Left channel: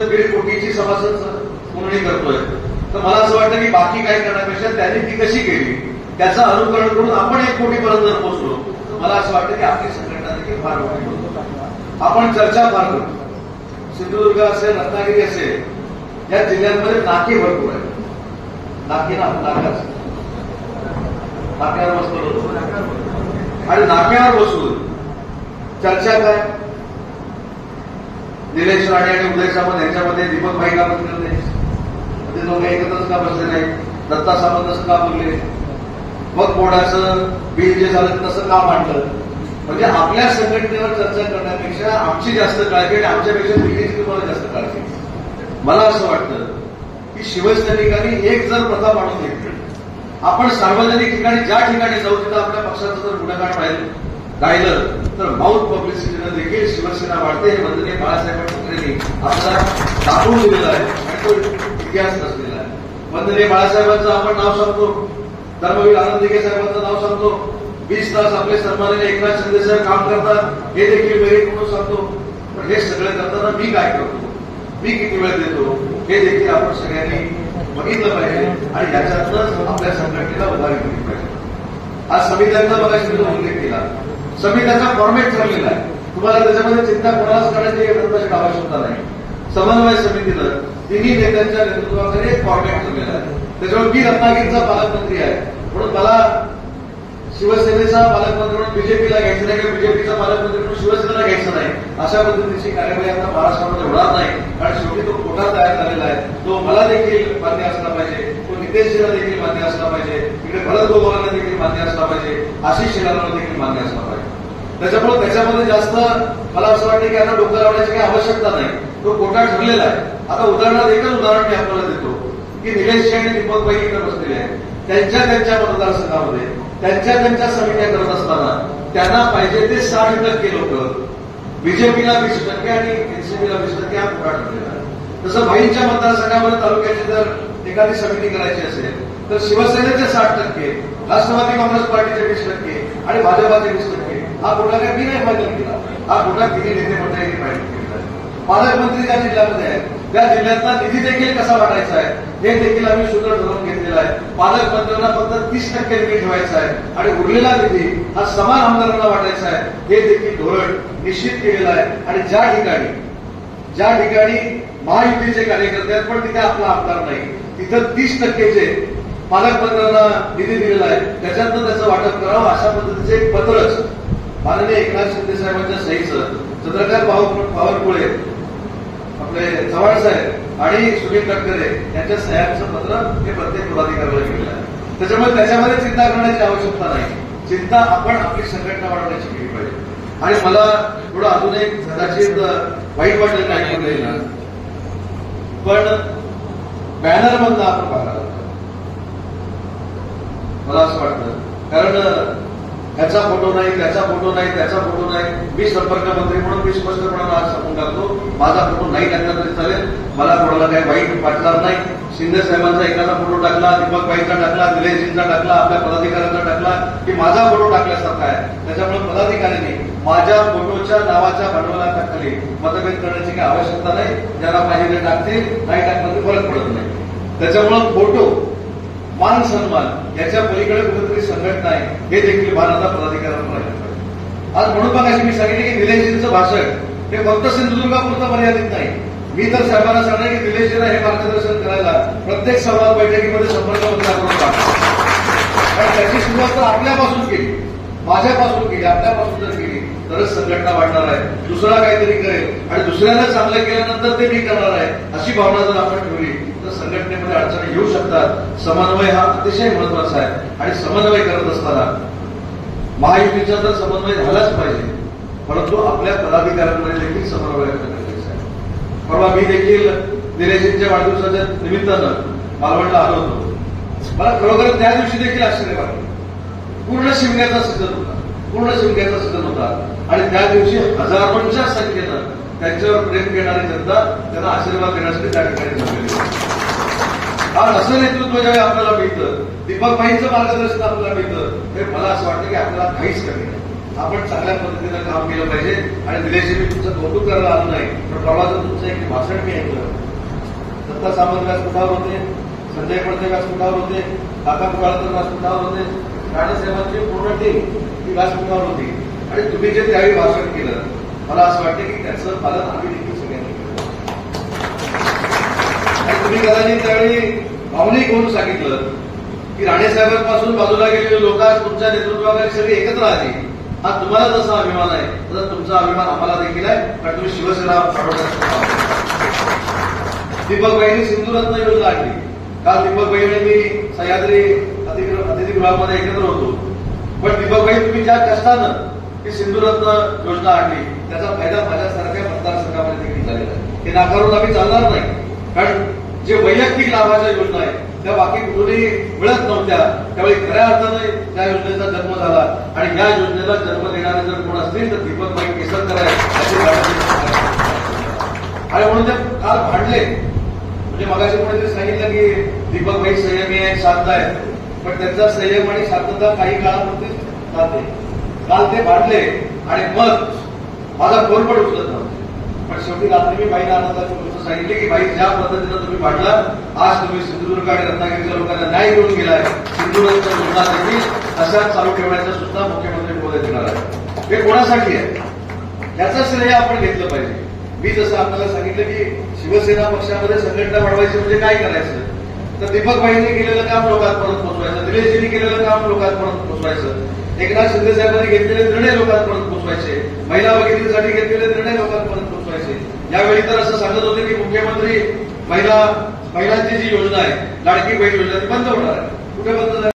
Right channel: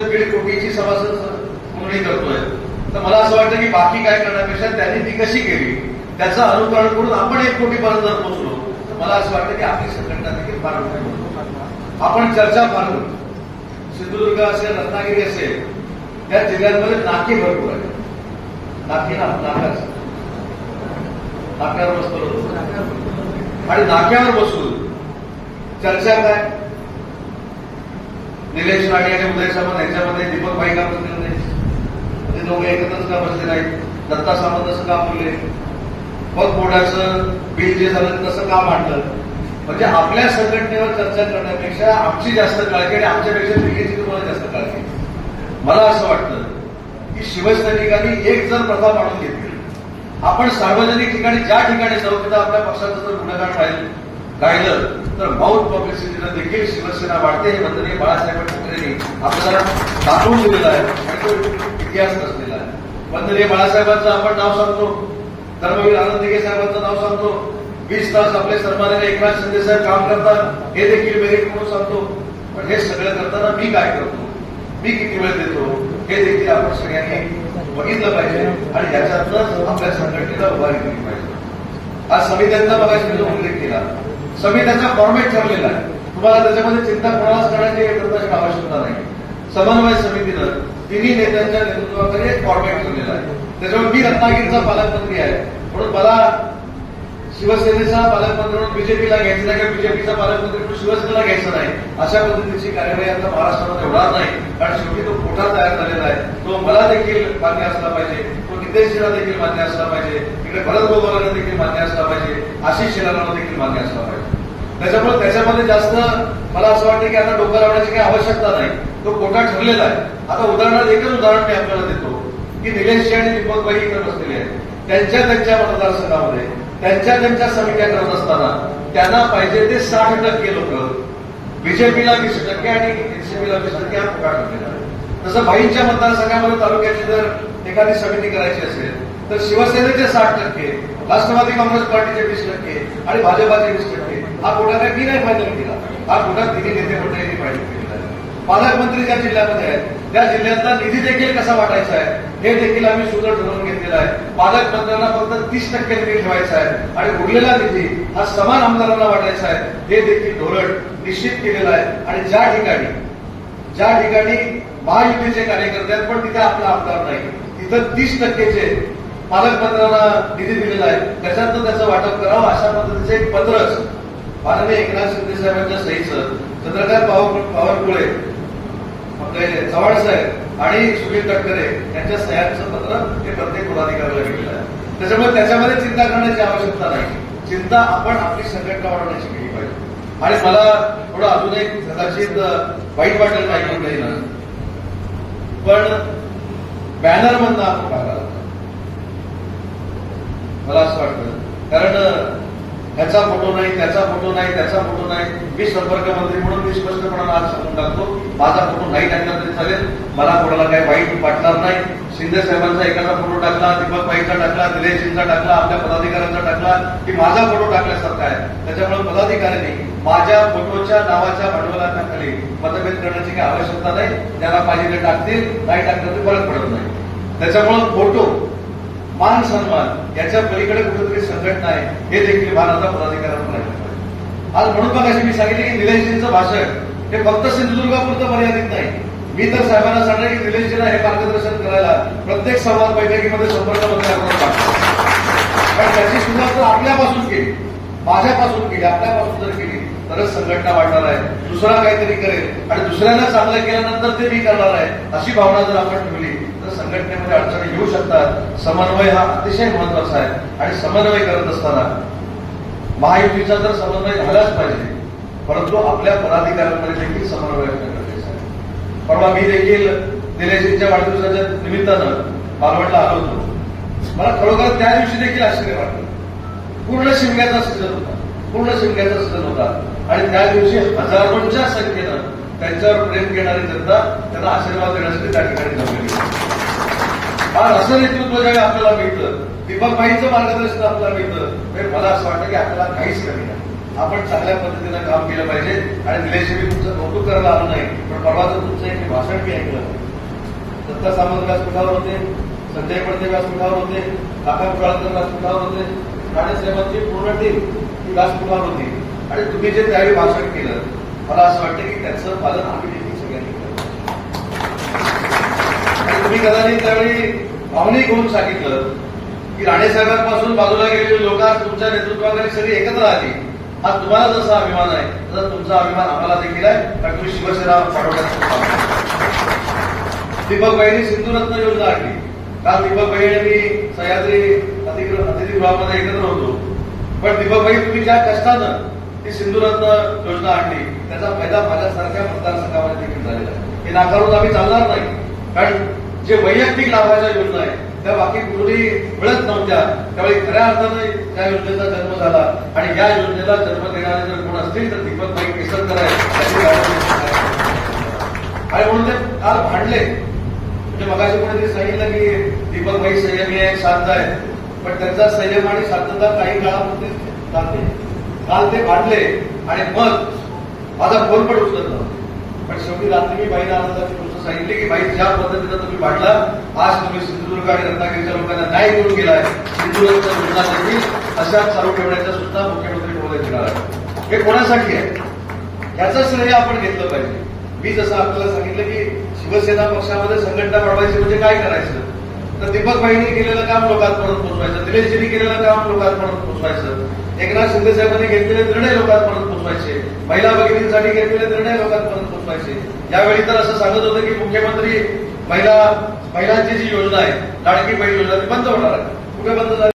दीड कोटीची सभासद नोंदणी करतोय, तर मला असं वाटतं की बाकी काय करण्यापेक्षा त्यांनी ती कशी केली त्याचं अनुकरण करून आपण 1 कोटीपर्यंत जर पोहोचलो तर मला असं वाटतं की आपली संघटना देखील फार मोठी होईल. आपण चर्चा फार करू. सिंधुदुर्ग असेल, रत्नागिरी असेल, या जिल्ह्यांमध्ये नाके भरपूर आहेत. नाक्यावर बसतो आणि नाक्यावर बसून चर्चा काय, निलेश राणे आणि उदय सामंत यांच्यामध्ये दीपक भाई का बसले नाही, ते दोघे एकत्रच का बसले नाही, दत्ता सामंत असं का बोलले, मग बोर्डाचं बिल जे झालं तसं का मांडलं. म्हणजे आपल्या संघटनेवर चर्चा करण्यापेक्षा आमची जास्त काळजी आणि आमच्यापेक्षा दिल्लीची तुम्हाला जास्त काळजी. मला असं वाटतं की शिवसैनिकांनी एक जर प्रथा पाडून घेतली, आपण सार्वजनिक ठिकाणी ज्या ठिकाणी जाऊ तिथं आपल्या पक्षाचं जर गुणगान गायलं तर माउथ पब्लिसिटीनं देखील शिवसेना वाढते. हे वंदनीय बाळासाहेब ठाकरेंनी आपल्याला दाखवून दिलेलं आहे आणि तो इतिहास रचलेला आहे. वंदनीय बाळासाहेबांचं आपण नाव सांगतो, धर्मवीर आनंद दिघे साहेबांचं नाव सांगतो, 20 तास आपले सन्माननीय एकनाथ शिंदे साहेब काम करतात हे देखील मेरिट म्हणून सांगतो. पण हे सगळं करताना मी काय करतो, मी किती वेळ देतो हे देखील आपण सगळ्यांनी बघितलं पाहिजे आणि याच्यातूनच आपल्या संघटनेला उभारी केली पाहिजे. आज समित्यांचा बघायचा मी उल्लेख केला, समित्यांचा फॉर्मॅट ठरलेला आहे. तुम्हाला त्याच्यामध्ये चिंता कोणालाच करण्याची आवश्यकता नाही. समन्वय समितीनं तिन्ही नेत्यांच्या नेतृत्वाखाली एक फॉर्मॅट ठरलेला आहे. त्याच्यावर मी रत्नागिरीचा पालकमंत्री आहे म्हणून मला शिवसेनेचा पालकमंत्री म्हणून बीजेपीला घ्यायचं नाही किंवा बीजेपीचा पालकमंत्री म्हणून शिवसेनेला घ्यायचं नाही, अशा पद्धतीची कार्यवाही आता महाराष्ट्रामध्ये होणार नाही. कारण शेवटी तो कोटा तयार झालेला आहे, तो मला देखील मान्य असला पाहिजे, तो नितेशजीला देखील मान्य असला पाहिजे, तिकडे भरत गोगावलेला देखील मान्य असला पाहिजे, आशिष शेलारला देखील मान्य असला पाहिजे. त्याच्यामुळे त्याच्यामध्ये जास्त मला असं वाटतं की आता डोकं लावण्याची काही आवश्यकता नाही, तो कोटा ठरलेला आहे. आता एकच उदाहरण मी आपल्याला देतो की निलेशजी आणि दीपक भाई इकडे बसलेले आहेत, त्यांच्या मतदारसंघामध्ये त्यांच्या समित्या करत असताना त्यांना पाहिजे ते 60% लोक, बीजेपीला 20% आणि एनसीपीला 20% हा कोटा ठरलेला आहे. तसं भाईंच्या मतदारसंघामध्ये तालुक्याची जर एखादी समिती करायची असेल तर शिवसेनेचे 60%, राष्ट्रवादी काँग्रेस पार्टीचे 20% आणि भाजपाचे 20%. हा कोटा काही मी नाही फायनल केला, हा कोटा तिन्ही नेते मंडळींनी फायनल केलेला आहे. पालकमंत्री ज्या जिल्ह्यामध्ये आहेत त्या जिल्ह्यातला निधी देखील कसा वाटायचा आहे हे देखील आम्ही सुद्धा ठरवून घेतलेलं आहे. पालकमंत्र्यांना फक्त 30% निधी ठेवायचा आहे आणि उरलेला निधी हा समान आमदारांना वाटायचा आहे हे देखील धोरण निश्चित केलेलं आहे. आणि ज्या ठिकाणी महायुतीचे कार्यकर्ते आहेत पण तिथे आपला आमदार नाही, तिथं 30% पालकमंत्र्यांना निधी दिलेला आहे, त्याच्यातनं त्याचं वाटप करावं अशा पद्धतीचे एक पत्रच माननीय एकनाथ शिंदे साहेबांच्या सहीचं चंद्रकांत बावनकुळे, आपले चव्हाण साहेब आणि सुनील तटकरे यांच्या सह्यांचं पत्र हे प्रत्येक पदाधिकाऱ्याला गेलेलं आहे. त्याच्यामध्ये चिंता करण्याची आवश्यकता नाही. चिंता आपण आपली संघटना वाढवण्याची केली पाहिजे. आणि मला थोडं अजून एक कदाचित वाईट वाटेल काय ऐकून येईल, पण बॅनरमधनं आपण बघायला लागतो मला असं वाटतं. कारण ह्याचा फोटो नाही, त्याचा फोटो नाही, त्याचा फोटो नाही. मी संपर्क मंत्री म्हणून मी स्पष्टपणानं आज सांगून टाकतो, माझा फोटो नाही टाकला तरी चालेल, मला कोणाला काही वाईट वाटणार नाही. शिंदे साहेबांचा एखादा फोटो टाकला, दीपक भाईचा टाकला, निलेशजींचा टाकला, आपल्या पदाधिकाऱ्यांचा टाकला की माझा फोटो टाकल्यासारखा आहे. त्याच्यामुळे पदाधिकाऱ्यांनी माझ्या फोटोच्या नावाच्या भांडवलाखाली मतभेद करण्याची काही आवश्यकता नाही. ज्याला पाहिजे ते टाकतील, नाही टाकलं तर फरक पडत नाही. त्याच्यामुळे फोटो, मान सन्मान याच्या पलीकडे कुठेतरी संघटना आहे हे देखील भान आता पदाधिकाऱ्यांना लागलं पाहिजे. आज म्हणून मग अशी मी सांगितले की निलेशजींचं भाषण हे फक्त सिंधुदुर्गापुरतं मर्यादित नाही. मी तर साहेबांना सांगणार की निलेशजींना हे मार्गदर्शन करायला प्रत्येक संवाद बैठकीमध्ये संपर्क मंत्र्यांकडून टाकतो. कारण त्याची सुरुवात तर आपल्यापासून केली, माझ्यापासून केली, आपल्यापासून जर केली तरच संघटना वाढणार आहे. दुसरा काहीतरी करेल आणि दुसऱ्यानं चांगलं केल्यानंतर ते मी करणार आहे अशी भावना जर आपण ठेवली तर संघटनेमध्ये अडचणी येऊ शकतात. समन्वय हा अतिशय महत्वाचा आहे आणि समन्वय करत असताना महायुतीचा तर समन्वय झालाच पाहिजे, परंतु आपल्या पदाधिकाऱ्यांमध्ये देखील समन्वय असणं गरजेचं आहे. परवा मी देखील निलेशजींच्या वाढदिवसाच्या निमित्तानं मालवणला आलो होतो. मला खरोखर त्या दिवशी देखील आश्चर्य वाटलं. पूर्ण शिमग्याचा सीझन होता आणि त्या दिवशी हजारोंच्या संख्येनं त्यांच्यावर प्रेम घेणारी जनता त्यांना आशीर्वाद देण्यासाठी त्या ठिकाणी जमलेली. आज असं नेतृत्व ज्यावेळी आपल्याला मिळतं, दीपक भाईंचं मार्गदर्शन आपल्याला मिळतं, तर मला असं वाटतं की आपल्याला काहीच कमी नाही. आपण चांगल्या पद्धतीनं काम केलं पाहिजे आणि निलेश मी तुमचं कौतुक करायला आलो नाही, पण परवाचं तुमचं एक भाषण मी ऐकलं. दत्ता सामंत व्यासपीठावर होते, संजय पडते व्यासपीठावर होते, काका कुडाळकर व्यासपीठावर होते, राणेसाहेबांची पूर्ण टीम ती व्यासपीठावर होती आणि तुम्ही जे त्यावेळी भाषण केलं, मला असं वाटतं की त्याचं पालन आम्ही देखील सगळ्यांनी केलं. आणि तुम्ही कदाचित त्यावेळी भावनिक होऊन सांगितलं की राणेसाहेबांपासून बाजूला गेलेली लोक आज तुमच्या नेतृत्वाखाली सगळी एकत्र आली. हा तुम्हाला जसा अभिमान आहे तसा तुमचा अभिमान आम्हाला देखील आहे, कारण तुम्ही शिवसेना पाठवण्याचं. दीपक भाईंनी सिंधुरत्न योजना आणली. काल दीपक भाई आणि मी सह्याद्री अतिथीगृहामध्ये एकत्र होतो, पण दीपक भाई तुम्ही ज्या कष्टानं ही सिंधुरत्न योजना आणली त्याचा फायदा माझ्यासारख्या मतदारसंघामध्ये देखील झालेला आहे. हे नाकारून आम्ही चालणार नाही, कारण जे वैयक्तिक लाभाच्या योजना आहेत त्या बाकी कुठेही मिळत नव्हत्या. त्यावेळी खऱ्या अर्थानं त्या योजनेचा जन्म झाला आणि या योजनेला जन्म देणारे जर कोण असतील तर दीपक भाई केसरकर आहे. आणि म्हणून ते काल भांडले. म्हणजे मगाशी कोणीतरी सांगितलं की दीपक भाई संयमी आहे, शांत आहे, पण त्यांचा संयम आणि शांतता काही काळापुरती जाते. काल ते भांडले आणि मग माझा फोन पण उचलत नव्हता. पण शेवटी रात्री मी बाईला आनंदाची गोष्ट सांगितली की बाई ज्या पद्धतीनं तुम्ही भांडला, आज तुम्ही सिंधुदुर्ग आणि रत्नागिरीच्या लोकांना न्याय देऊन गेलाय. सिंधुदुर्गच्या लोकांना देखील अशाच चालू ठेवण्याचं सुद्धा मुख्यमंत्री महोदय देणार आहे. हे कोणासाठी आहे याचं श्रेय आपण घेतलं पाहिजे. मी जसं आपल्याला सांगितलं की शिवसेना पक्षामध्ये संघटना वाढवायची म्हणजे काय करायचं, तर दीपक भाईंनी केलेलं काम लोकांपर्यंत पोहोचवायचं, दिनेशजींनी केलेलं काम लोकांपर्यंत पोहोचवायचं, एकनाथ शिंदे साहेबांनी घेतलेले निर्णय लोकांपर्यंत पोहोचवायचे, महिला भगिनींसाठी घेतलेले निर्णय लोकांपर्यंत पोहोचवायचे. यावेळी तर असं सांगत होते की मुख्यमंत्री महिलांची जी योजना आहे लाडकी बहीण योजना ती बंद होणार आहे. कुठे बंद झाली?